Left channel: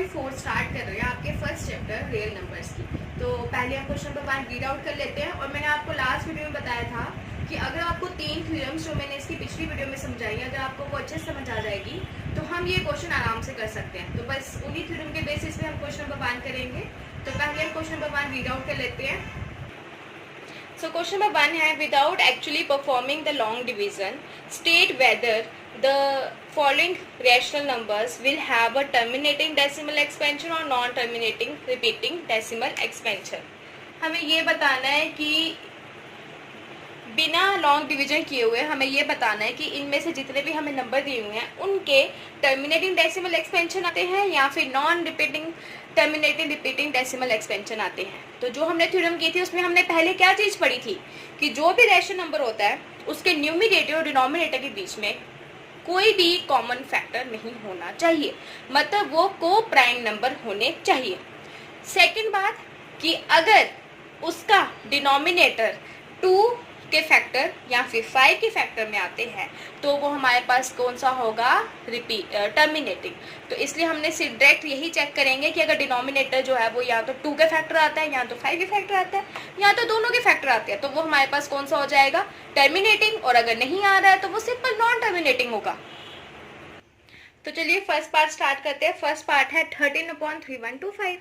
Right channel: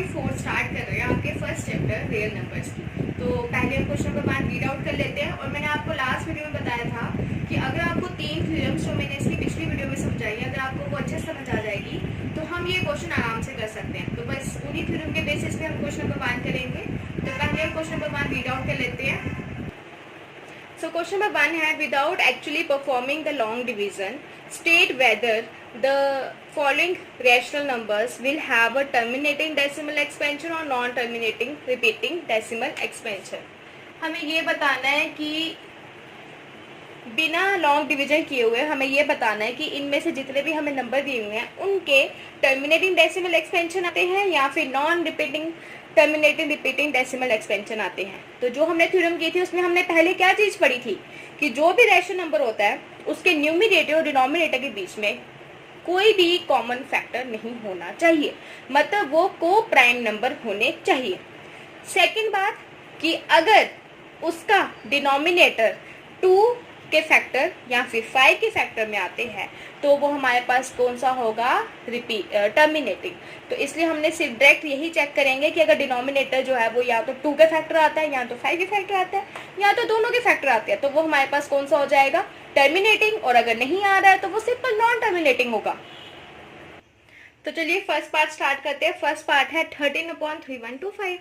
2.4 start कर रहे हैं आपके फर्स्ट चैप्टर रियल नंबर्स की। तो पहले हम क्वेश्चन नंबर 1 रीड आउट कर लेते हैं। और मैंने आपको लास्ट वीडियो में बताया था कि अगर आपको 3 थ्योरम्स जो मैंने इसकी पिछली वीडियो में समझाई है, अगर आपको वो अच्छे से समझ आ जाएगी तो हम ये क्वेश्चन आराम से कर सकते हैं। तो बस उन्हीं थ्योरम के बेसिस पे हम क्वेश्चन नंबर 1 करेंगे। तो पहले हम क्वेश्चन नंबर 1 रीड आउट कर लेते हैं। So question number 1 है, without actually performing the long division, state whether the following rational numbers will have a terminating decimal expansion or non-terminating repeating decimal expansion। हमें ये बताना है कि बिना लॉन्ग डिवीजन किए हुए हमें ये बताना है कि इनमें से जितने भी हमें नंबर दिए हुए हैं उनके टर्मिनेटिंग डेसिमल एक्सपेंशन आते हैं या फिर non repeating terminating repeating decimal expansion आते हैं। तो जो हमने थ्योरम की थी उसमें हमने पहले क्या चीज पढ़ी थी कि जो भी रैशनल नंबर होता है उसके न्यूमरेटर और डिनोमिनेटर के बीच में कोई भी कॉमन फैक्टर नहीं होना चाहिए, मतलब वो को प्राइम नंबर होने चाहिए। सेकंड बात कि अगर उसका डिनोमिनेटर 2 के फैक्टर या फिर 5 के फैक्टर में आते हैं तो वो हमारे पास कौन सा होगा, टर्मिनेटिंग। तो इसलिए हमने सिर्फ डायरेक्ट यही चेक करेंगे कि अगर डिनोमिनेटर जो है वो या तो 2 के फैक्टर आता है या तो 5 के फैक्टर आता है या तो दोनों के फैक्टर आते हैं, तो वो हमारे पास कौन सा हो जाएगा, टर्मिनेटिंग। और अगर नहीं आ रहा है तो वो सिंपल नॉन टर्मिनेटिंग होगा। तो चलिए फर्स्ट पार्ट स्टार्ट करते हैं। फर्स्ट पार्ट है 13/3125।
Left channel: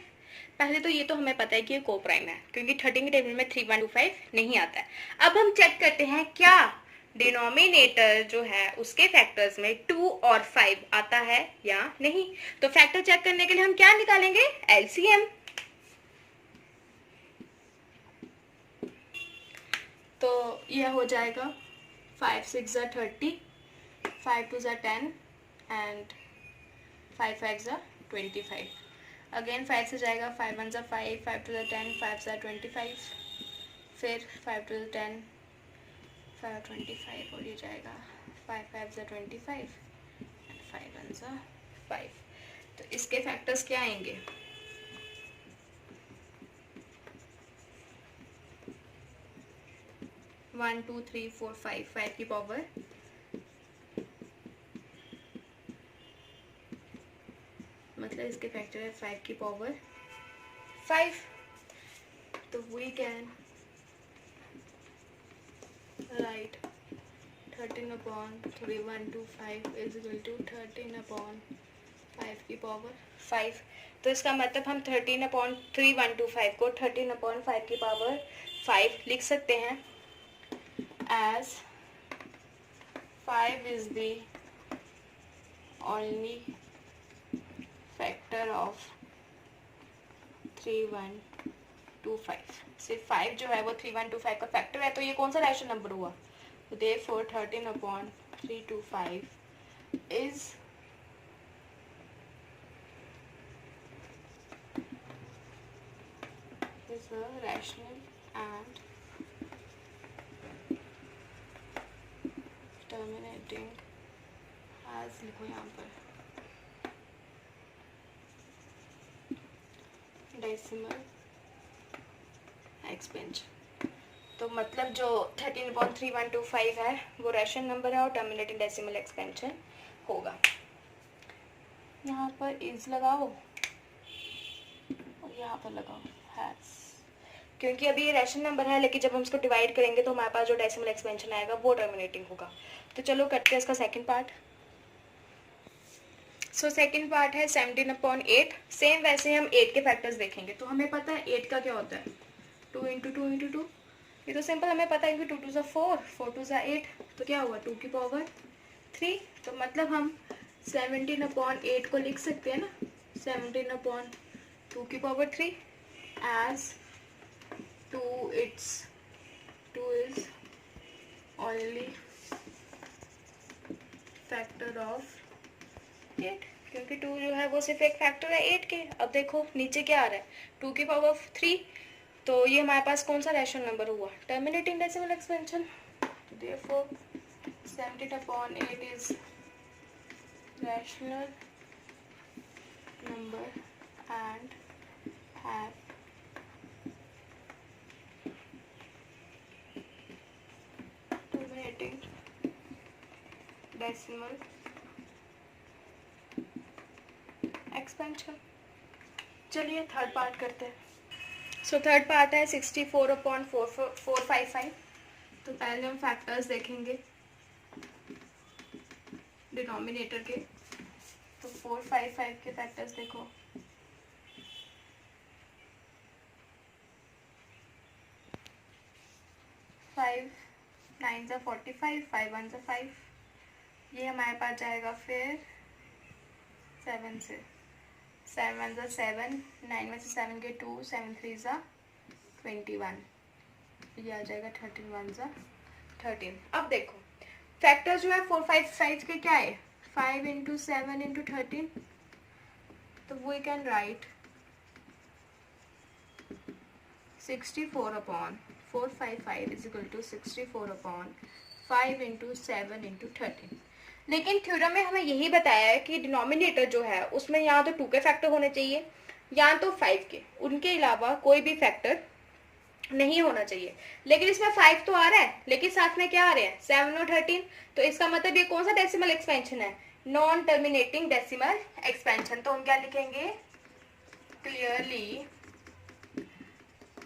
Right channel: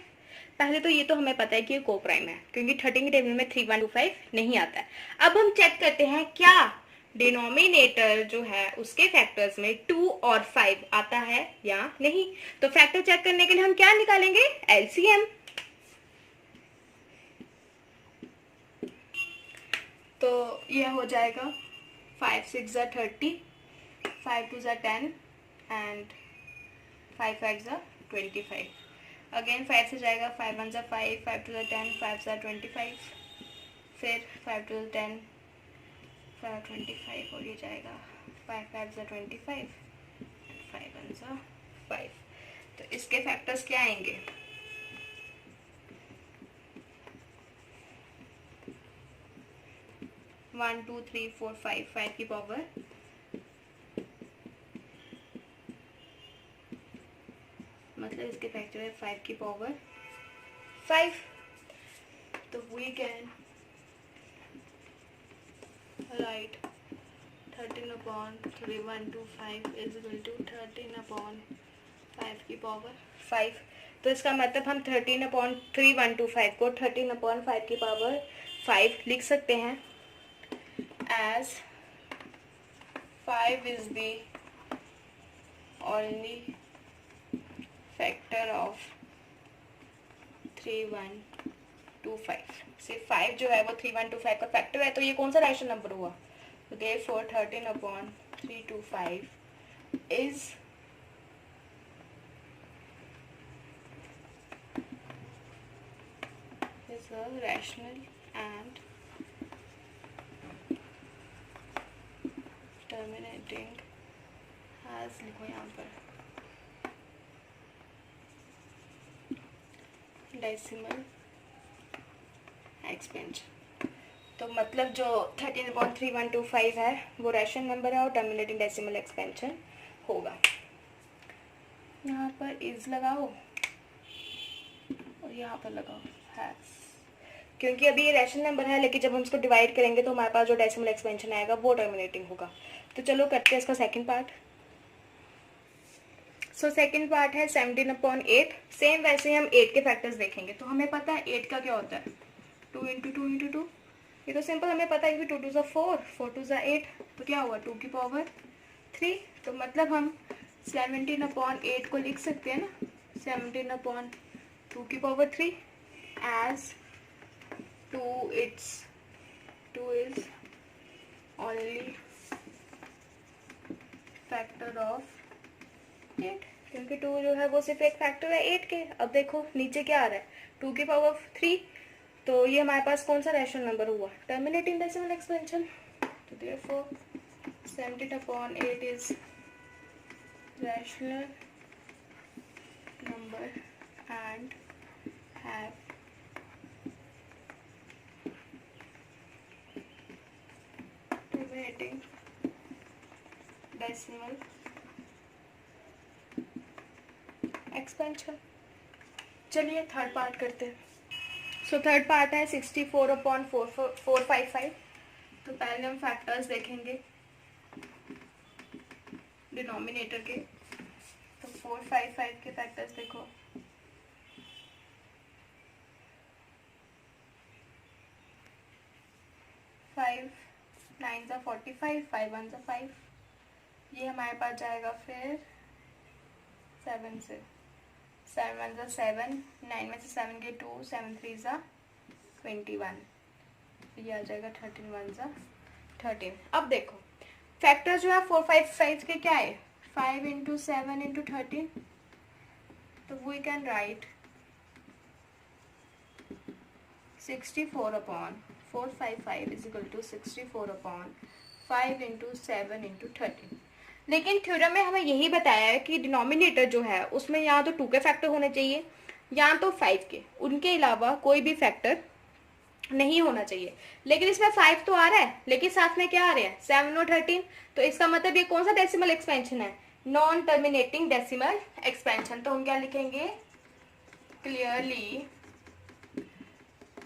पहले तो ये तो हमें पता है कि ये को प्राइम है क्योंकि 13 के टेबल में 3125 नहीं आता है। अब हम चेक करते हैं क्या डिनोमिनेटर जो है उसके फैक्टर्स में 2 और 5 आता है या नहीं। तो फैक्टर चेक करने के लिए हम क्या निकालेंगे, एलसीएम। तो यह हो जाएगा 5 6 ज़ा 30, 5 2 ज़ा 10 एंड 5 5 ज़ा 25। अगेन 5 से जाएगा, 5 1 ज़ा 5, 5 2 ज़ा 10, 5 ज़ा 25, फिर 5 2 ज़ा 10, 5 25 और ये जाएगा 5 5 ज़ा 25 एंड 5 1 ज़ा 5। तो इसके फैक्टर्स क्या आएंगे, 1 2 3 4 5, 5 की पावर मतलब इसके फैक्टर है 5 की पावर 5। तो we can write 13/3125 is equal to 13/5 की पावर 5। तो इसका मतलब हम 13/3125 को 13/5 की पावर 5 लिख सकते हैं as 5 is the only factor of 3125। सिर्फ 5 जो है वो 3125 का फैक्टर है। तो ये कौन सा रैशनल नंबर हुआ, therefore 13/325 is a rational and terminating as, लिखो यहाँ पर, डेसिमल एक्सपेंशन। तो मतलब जो 13/3125 है वो रैशनल नंबर है और टर्मिनेटिंग डेसिमल एक्सपेंशन होगा। यहाँ पर इज लगाओ और यहाँ पर लगाओ हैज, क्योंकि अभी ये रैशनल नंबर है लेकिन जब हम इसको डिवाइड करेंगे तो हमारे पास जो डेसिमल एक्सपेंशन आएगा वो टर्मिनेटिंग होगा। तो चलो करते हैं इसका second part. So second part है 17/8। सेम वैसे हम 8 के फैक्टर्स देखेंगे। तो हमें पता है 8 का क्या होता है, 2 × 2 × 2। ये तो सिंपल हमें पता है कि 2 2 ज़ा 4, 4 2 ज़ा 8, तो क्या हुआ 2 की पावर 3। तो मतलब हम 17/8 को लिख सकते हैं ना 17/2 की power 3 as 2 is only factor of 8, क्योंकि 2 जो है वो सिर्फ एक फैक्टर है 8 के। अब देखो नीचे क्या आ रहा है, 2 की पावर 3। तो ये हमारे पास कौन सा रैशनल नंबर हुआ, टर्मिनेटिंग डेसिमल एक्सपेंशन। तो therefore 17/8 is rational number and have terminating decimal expansion. चलिए थर्ड पार्ट करते हैं। सो थर्ड पार्ट है 64/455। तो पहले हम फैक्टर्स देखेंगे डिनोमिनेटर के। तो 455 के फैक्टर्स देखो। 5 9 ज़ा 45, 5 1 ज़ा 5। ये हमारे पास जाएगा फिर 7 से। 7 1 ज़ा 7, 9 में से 7 के 2, 7 3 ज़ा 21। ये आ जाएगा 13 1 ज़ा 13। अब देखो फैक्टर जो है 455 के क्या है, 5 इंटू 7 इंटू 13। तो we can write 64/455 is equal to 64/5 into 7 into 13। लेकिन थ्योरम में हमें यही बताया है कि डिनोमिनेटर जो है उसमें या तो 2 के फैक्टर होने चाहिए या तो 5 के, उनके अलावा कोई भी फैक्टर नहीं होना चाहिए। लेकिन इसमें 5 तो आ रहा है, लेकिन साथ में क्या आ रहा है, 7 और 13। तो इसका मतलब ये कौन सा डेसिमल एक्सपेंशन है, नॉन टर्मिनेटिंग डेसिमल एक्सपेंशन। तो हम क्या लिखेंगे, clearly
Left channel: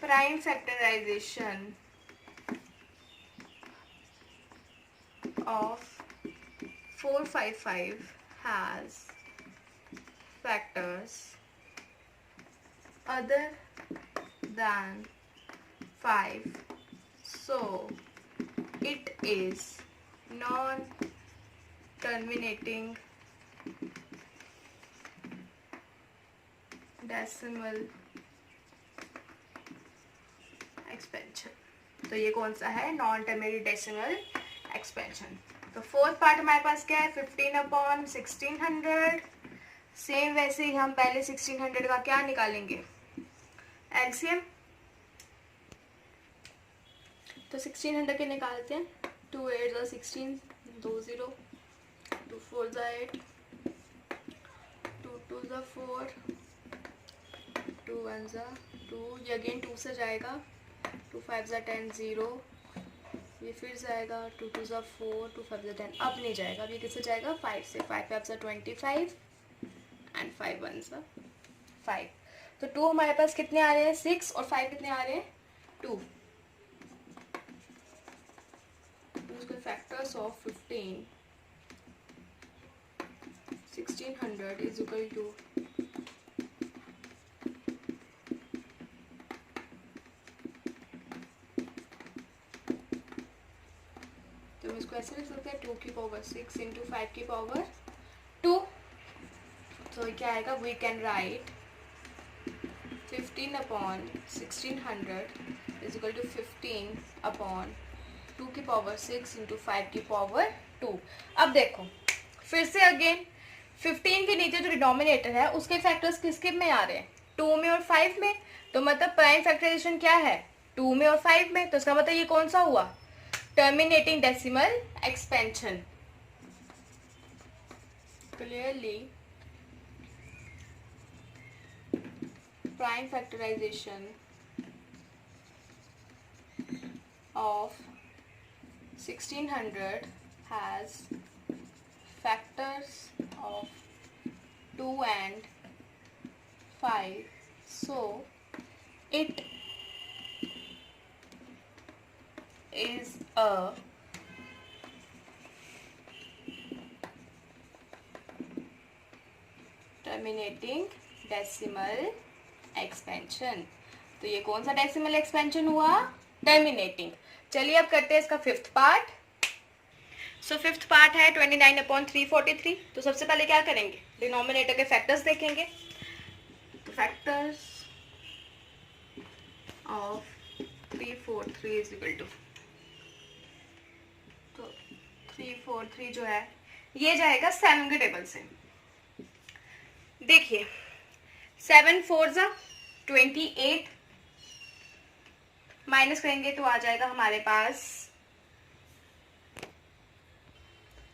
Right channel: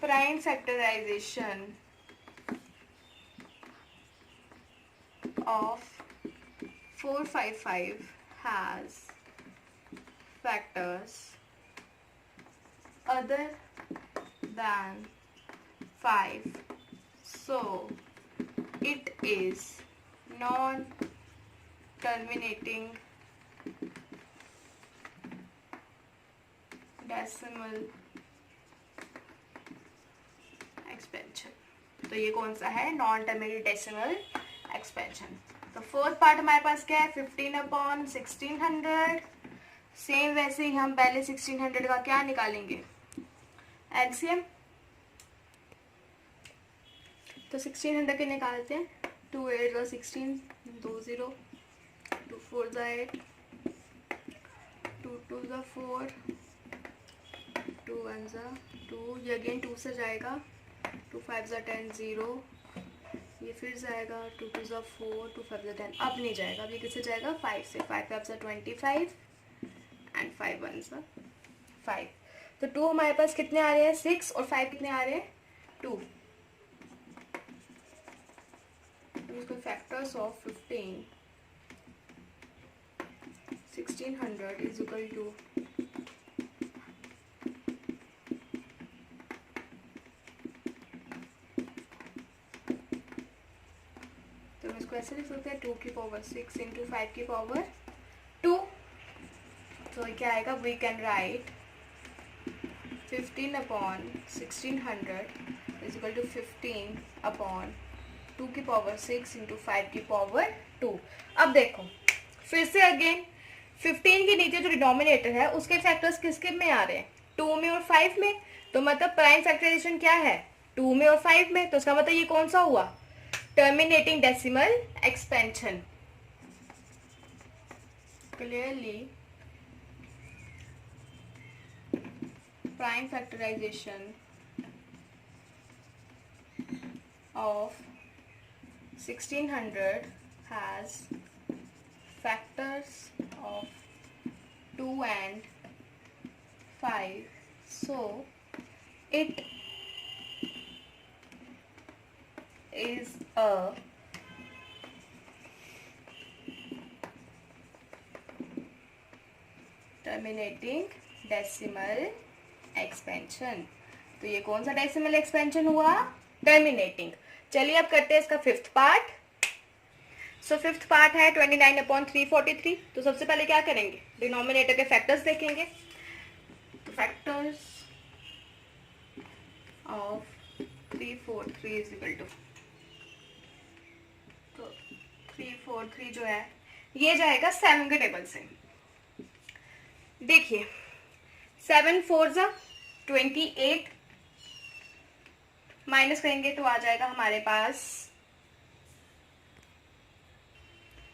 prime factorization of 455 has factors other than 5, so it is non-terminating decimal expansion. तो ये कौन सा है, नॉन टर्मिनेटिंग डेसिमल एक्सपेंशन। तो फोर्थ पार्ट हमारे पास क्या है, 15/1600। सेम वैसे ही हम पहले 1600 का क्या निकालेंगे, एलसीएम। तो 1600 के निकालते हैं। 2 8 ज़ा 16, 2 0, 2 4 ज़ा 8, 2 2 ज़ा 4, 2 1 ज़ा 2, ये अगेन 2 से जाएगा। 2 5 ज़ा 10, 0, ये फिर जाएगा। 2 2 ज़ा 4, 2 5 ज़ा 10, अब नहीं जाएगा। अब ये किससे जाएगा, 5 से। 5 5 ज़ा 25 एंड 5 1 ज़ा 5। तो 2 हमारे पास कितने आ रहे हैं, 6, और 5 कितने आ रहे हैं, 2। उसके factors of 1600 is equal to ऐसे लिख सकते हैं 2 की पावर 6 इंटू 5 की पावर 2। तो क्या आएगा, we can write 15/1600 is equal to 15/2 की पावर 6 इंटू 5 की पावर 2। अब देखो फिर से अगेन 15 के नीचे जो डिनोमिनेटर है उसके फैक्टर्स किसके में आ रहे हैं, 2 में और 5 में। तो मतलब प्राइम फैक्टराइजेशन क्या है, 2 में और 5 में। तो इसका मतलब ये कौन सा हुआ, terminating decimal expansion. Clearly, prime factorization of 1600 has factors of 2 and 5, so it is a terminating decimal expansion। तो ये कौन सा डेसिमल एक्सपेंशन हुआ, टर्मिनेटिंग। चलिए अब करते हैं इसका fifth part. So fifth part है 29/343। तो सबसे पहले क्या करेंगे, डिनोमिनेटर के फैक्टर्स देखेंगे। तो factors of 343 is equal to, तो 343 जो है ये जाएगा 7 के टेबल से। देखिए 7 4 ज़ा 28, माइनस करेंगे तो आ जाएगा हमारे पास,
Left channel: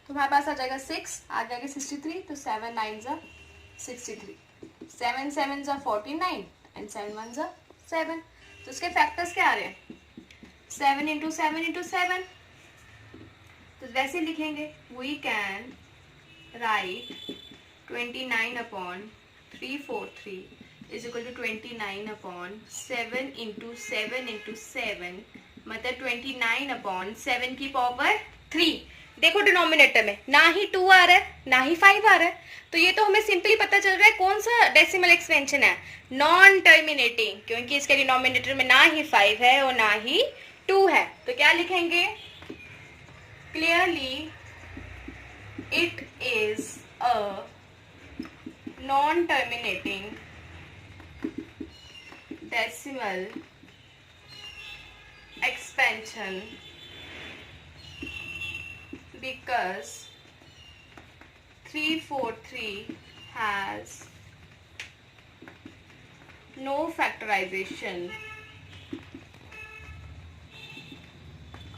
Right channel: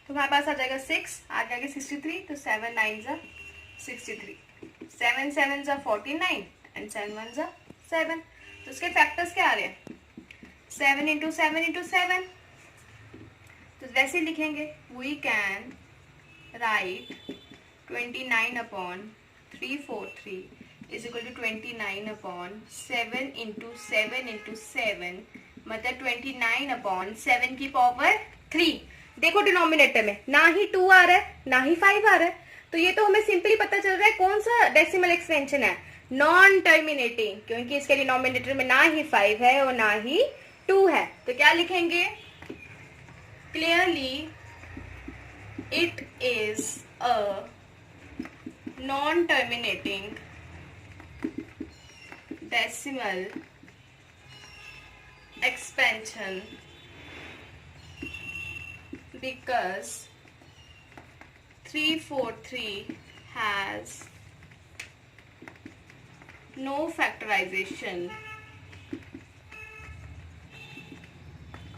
तो हमारे पास आ जाएगा 6, आ जाएगा 63। तो 7 9 ज़ा 63, 7 7 ज़ा 49 एंड 7 1 ज़ा 7। तो उसके फैक्टर्स क्या आ रहे हैं, 7 इंटू 7 इंटू 7। तो वैसे लिखेंगे, we can write 29/343 is equal to 29/7 into 7 मतलब 29/7 की पावर 3। देखो डिनोमिनेटर में ना ही 2 आ रहा है ना ही 5 आ रहा है, तो ये तो हमें सिंपली पता चल रहा है कौन सा डेसिमल एक्सपेंशन है, नॉन टर्मिनेटिंग, क्योंकि इसके डिनोमिनेटर में ना ही 5 है और ना ही 2 है। तो क्या लिखेंगे, clearly it is a non terminating decimal expansion because 343 has no factorization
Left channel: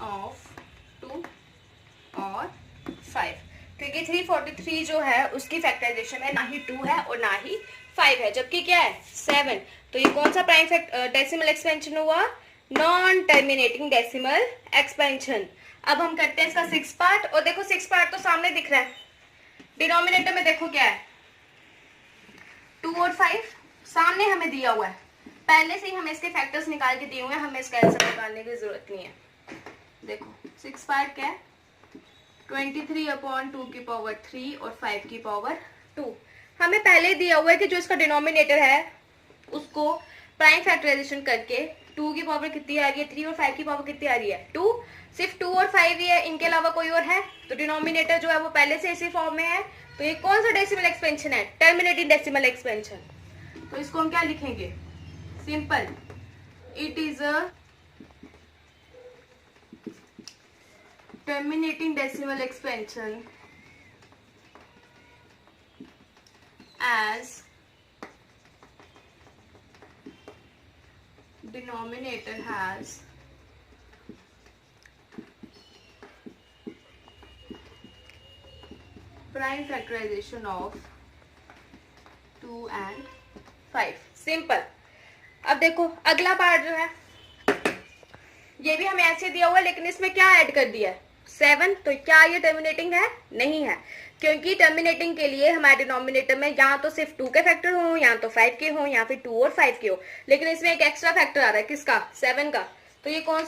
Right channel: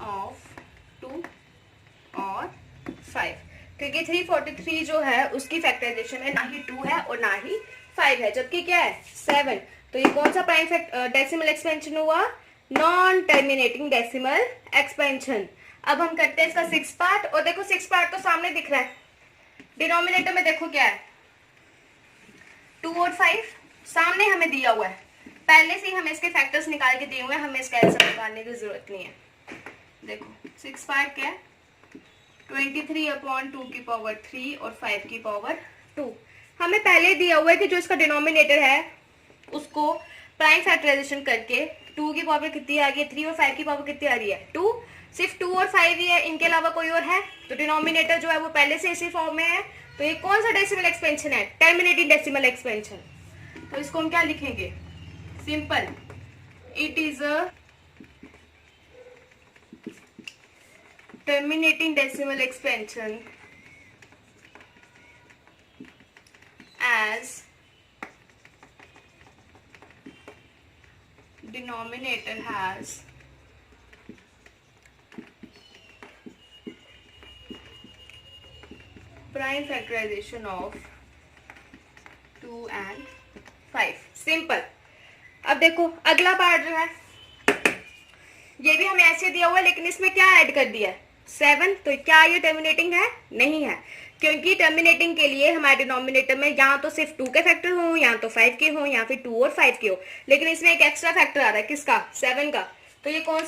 of 2 और 5, क्योंकि 343 जो है उसकी फैक्टराइजेशन में ना ही 2 है और ना ही 5 है, जबकि क्या है 7। तो ये कौन सा प्राइम डेसिमल एक्सपेंशन हुआ, नॉन टर्मिनेटिंग डेसिमल एक्सपेंशन। अब हम करते हैं इसका 6 पार्ट, और देखो 6 पार्ट तो सामने दिख रहा है, डिनोमिनेटर में देखो क्या है 2 और 5 सामने हमें दिया हुआ है, पहले से ही हमें इसके फैक्टर्स निकाल के दिए हुए हैं, हमें इसका आंसर निकालने की जरूरत नहीं है। देखो 6 पार्ट क्या है 23/2 की पावर 3 और 5 की पावर 2, हमें पहले दिया हुआ है कि जो इसका डिनोमिनेटर है उसको प्राइम फैक्टराइजेशन करके 2 की पावर कितनी आ रही है 3 और 5 की पावर कितनी आ रही है 2, सिर्फ 2 और 5 ही है, इनके अलावा कोई और है, तो डिनोमिनेटर जो है वो पहले से इसी फॉर्म में है। तो ये कौन सा डेसिमल एक्सपेंशन है, टर्मिनेटिंग डेसिमल एक्सपेंशन। तो इसको हम क्या लिखेंगे, simple, it is a terminating decimal expansion as denominator has prime factorization of 2 and 5। Simple. अब देखो अगला पार्ट जो है ये भी हमें ऐसे दिया हुआ है, लेकिन इसमें क्या ऐड कर दिया है 7, तो क्या ये टर्मिनेटिंग है, नहीं है, क्योंकि टर्मिनेटिंग के लिए हमारे डिनोमिनेटर में या तो सिर्फ 2 के फैक्टर हो या तो 5 के हो या फिर 2 और 5 के हो, लेकिन इसमें एक एक्स्ट्रा फैक्टर आ रहा है किसका 7 का। तो ये कौन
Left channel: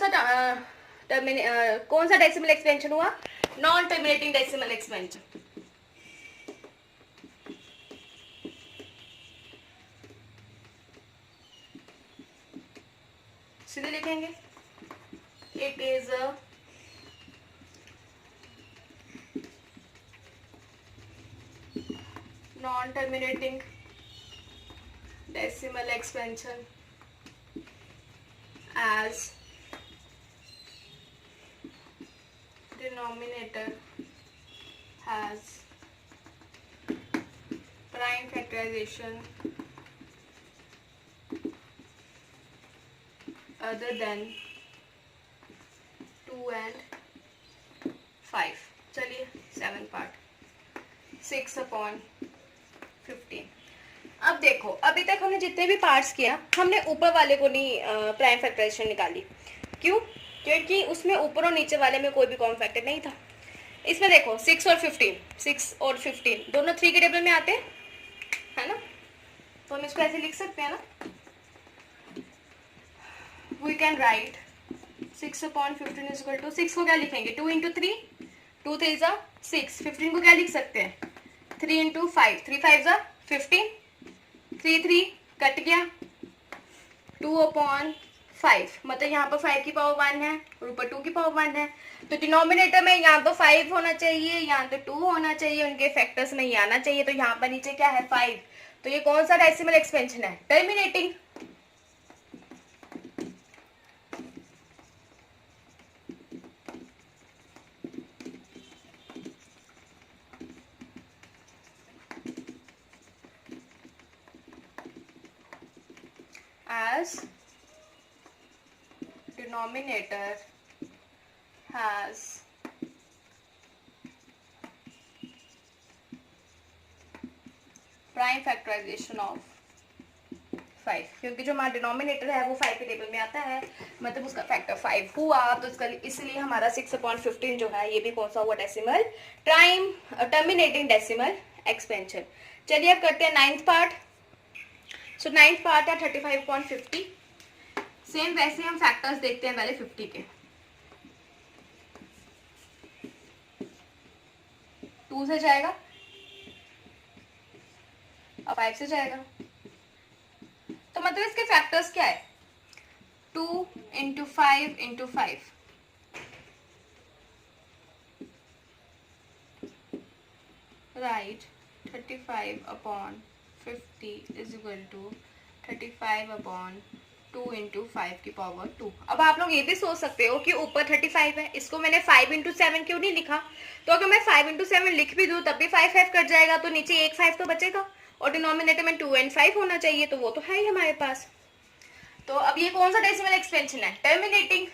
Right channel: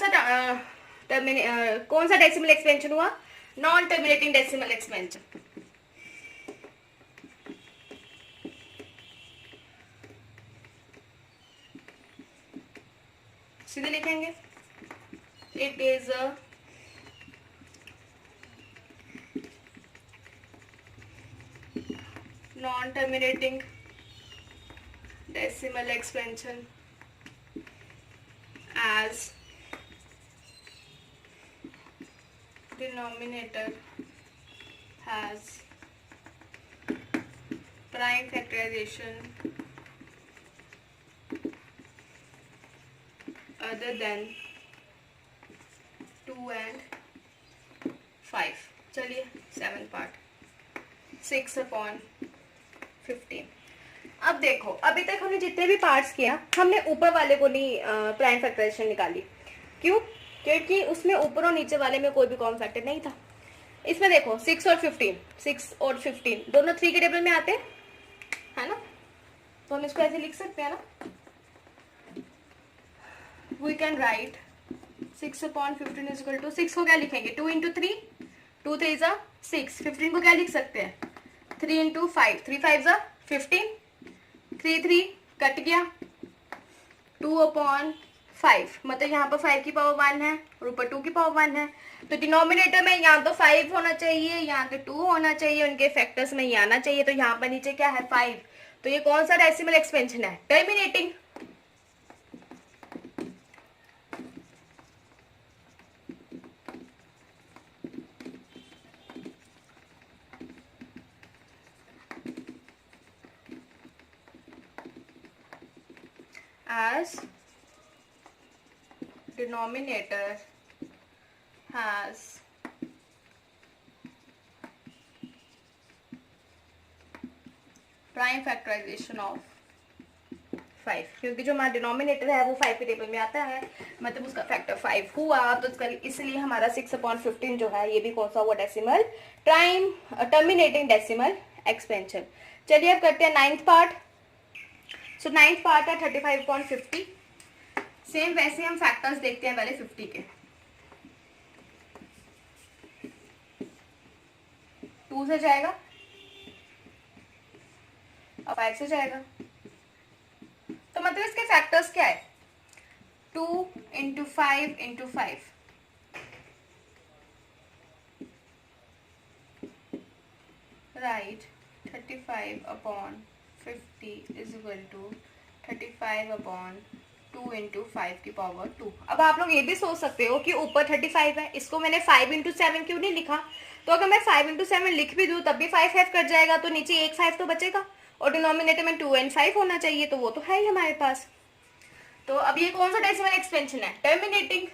सा डेसिमल एक्सपेंशन हुआ, नॉन टर्मिनेटिंग डेसिमल एक्सपेंशन। सीधे लिखेंगे it is a non-terminating decimal expansion as denominator has prime factorization other than 2 and 5। चलिए 7 पार्ट 6/15। अब देखो अभी तक हमने जितने भी पार्ट्स किया हमने ऊपर वाले को नहीं प्राइम फैक्टराइजेशन निकाली, क्यों, क्योंकि उसमें ऊपर और नीचे वाले में कोई भी कॉमन फैक्टर नहीं था। इसमें देखो 6 और 15 दोनों 3 के टेबल में आते है ना, तो हम इसको ऐसे लिख सकते हैं ना, we can write 6/15 is equal to 6 को क्या लिखेंगे 2 इंटू 3, 2 3 जा 6, 15 को क्या लिख सकते हैं 3 इंटू 5, 3 5 जा 15, 3 3 कट गया 2/5, मतलब यहाँ पर 5 की पावर 1 है और ऊपर 2 की पावर 1 है, तो डिनोमिनेटर में यहाँ तो 5 होना चाहिए यहाँ तो 2 होना चाहिए, उनके फैक्टर्स में ये आना चाहिए, तो यहाँ पर नीचे क्या है 5। तो ये कौन सा डेसिमल एक्सपेंशन है, terminating. As denominator has prime factorization of 5, क्योंकि जो हमारा डिनोमिनेटर है वो 5 के टेबल में आता है, मतलब उसका फैक्टर 5 हुआ, तो इसलिए हमारा 6/15 जो है ये भी कौन सा हुआ डेसिमल, टर्मिनेटिंग डेसिमल एक्सपेंशन। चलिए अब करते हैं 9th पार्ट। सो 9th पार्ट है 35/50। सेम वैसे हम फैक्टर्स देखते हैं पहले 50 के। 2 से जाएगा और 5 से जाएगा, तो मतलब इसके फैक्टर्स क्या है? 2 × 5 × 5, राइट। 35/50 इज इक्वल टू 35/2 × 5 की पावर 2। अब आप लोग ये भी सोच सकते हो कि ऊपर 35 है, इसको मैंने 5 × 7 क्यों नहीं लिखा? तो अगर मैं 5 × 7 लिख भी दूं तब भी 5 5 कट जाएगा, तो नीचे एक 5 तो बचेगा और डिनोमिनेटर में 2 और 5 होना चाहिए, तो वो तो है ही हमारे पास। तो अब ये कौन सा डेसिमल एक्सपेंशन है? Terminating.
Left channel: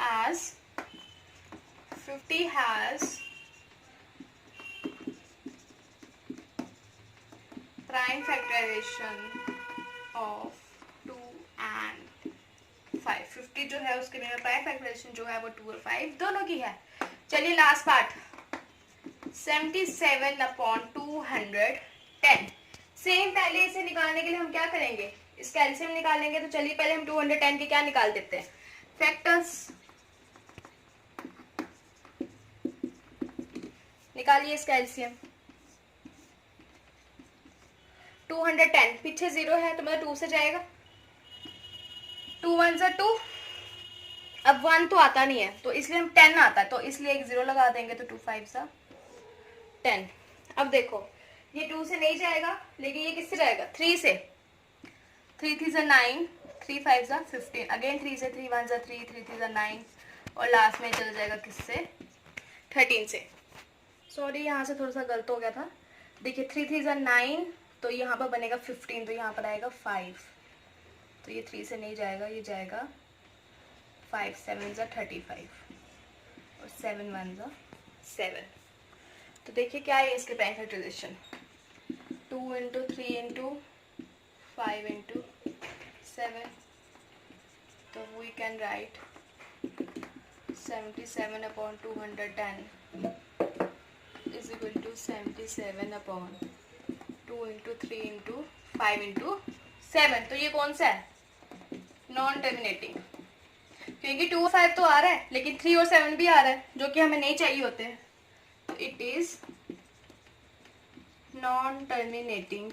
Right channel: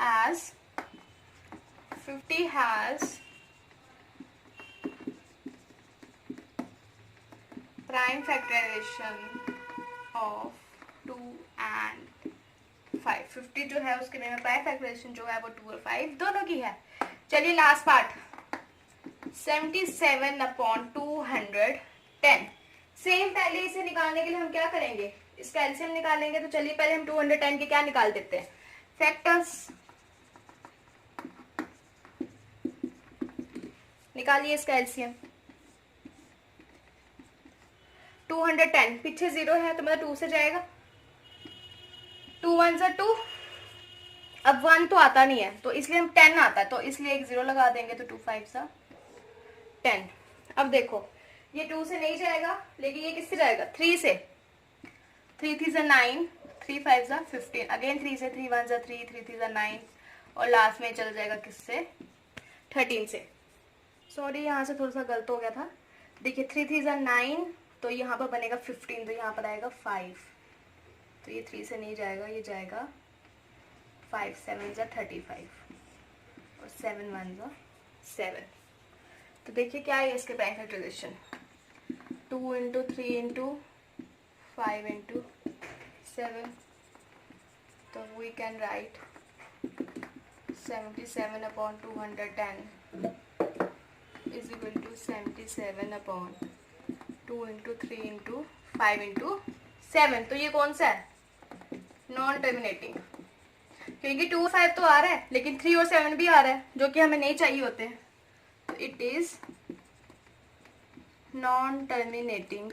As 50 has prime factorization of 2 and 5। 50 जो है उसके लिए प्राइम फैक्टराइजेशन जो है वो 2 और 5 दोनों की है। चलिए लास्ट पार्ट 77/210। सेम पहले इसे निकालने के लिए हम क्या करेंगे? इसका एलसीएम निकालेंगे। तो चलिए पहले हम 210 के क्या निकाल देते हैं? फैक्टर्स निकालिए इसका एलसीएम। 210 पीछे 0 है तो मतलब 2 से जाएगा। 2 1 = 2। अब 1 तो आता नहीं है तो इसलिए हम 10 आता है, तो इसलिए एक 0 लगा देंगे, तो 2 5 = 10। अब देखो ये 2 से नहीं जाएगा, लेकिन ये किससे जाएगा? 3 से। 3 3 = 9, 3 5 = 15, अगेन 3 से, 3 1 = 3, 3 3 = 9 और लास्ट में चल जाएगा किससे? 13 से। सॉरी यहाँ से थोड़ा सा गलत हो गया था। देखिए 3 3 = 9, तो यहाँ पर बनेगा 15, तो यहाँ पर आएगा 5, तो ये 3 से नहीं जाएगा, ये जाएगा 5 7 = 35 और 7 1 = 7। तो देखिए क्या है इसके प्राइम फैक्टराइजेशन? 2 × 3 × 5 × 7, तो we can write 77/210 is equal to 77/2 × 3 × 5 × 7। तो ये कौन सा है? नॉन टर्मिनेटिंग, क्योंकि 2 और 5 तो आ रहा है लेकिन 3 और 7 भी आ रहा है जो कि हमें नहीं चाहिए होते हैं। तो it is non terminating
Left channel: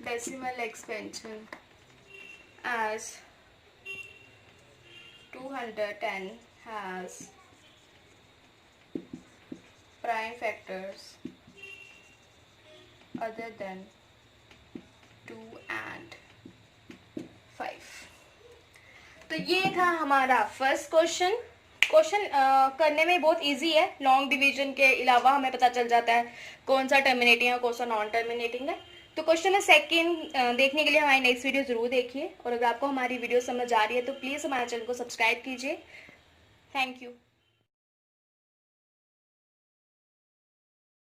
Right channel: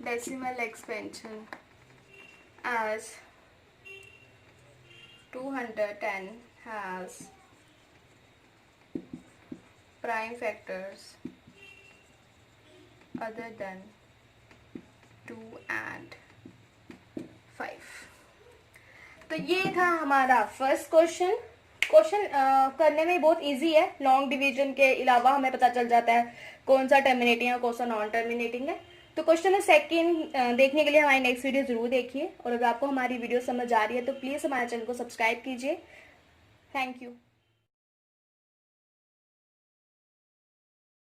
decimal expansion as 210 has prime factors other than 2 and 5। तो ये था हमारा फर्स्ट क्वेश्चन। करने में बहुत इजी है। लॉन्ग डिवीजन के अलावा हमें पता चल जाता है कौन सा टर्मिनेटिंग है, कौन सा नॉन टर्मिनेटिंग है। तो क्वेश्चन में सेकंड देखने के लिए हमारी नेक्स्ट वीडियो जरूर देखिए, और अगर आपको हमारी वीडियो समझ आ रही है तो प्लीज़ हमारे चैनल को सब्सक्राइब कीजिए। Thank you.